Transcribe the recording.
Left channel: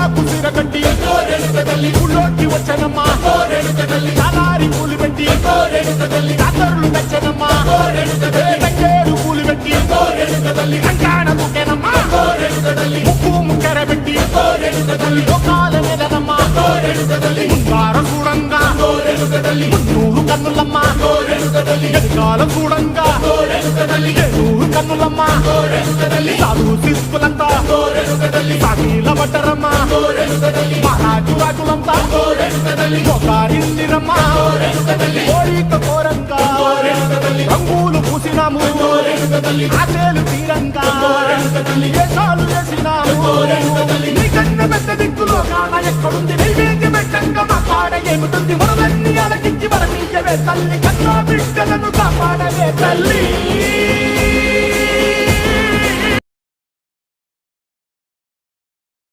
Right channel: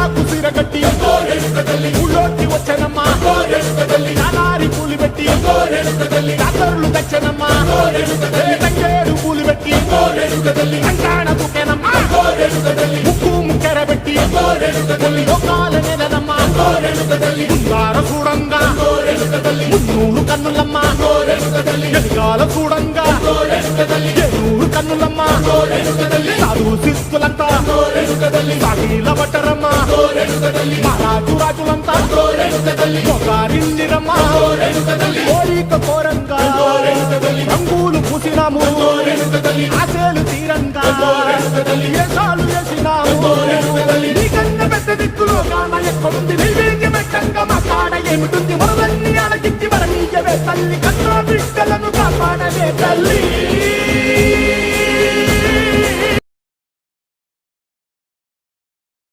తాటాకు సీర కట్టి ఊళ్ళోకి వచ్చనమ్మా చాలారి పూలు పెట్టి జాతరులు తెచ్చనమ్మా తంగేడు పూలు పెట్టి కంకాణ దూకేనమ్మా ముక్కు ముక్కెర పెట్టి ముల్లోకాల నెలనమ్మా ముందార చూడంగా మున్నూరు కన్నులమ్మా వెనకాల చూడంగా ఏనూరు కన్నులమ్మా సాధువు సిద్ధులంతా సాగిల బట్టరమ్మా మహారాజు రాజులంతా మొగారిందిరమ్మా కోరిక కోరంగా రంగులు పూసినాము ఆశలు తీరంగా ఏసాలు వేసినాము నీకన్నా పెద్ద దిక్కులో కాన ఎక్కడుంది నైవేద్యం పెట్టంగా మా కాడ ఏమిటుంది మనలన్నీ అలకిచ్చి వరమీయవే తల్లి కన్నా బిడ్డలను కాపాడవే తల్లి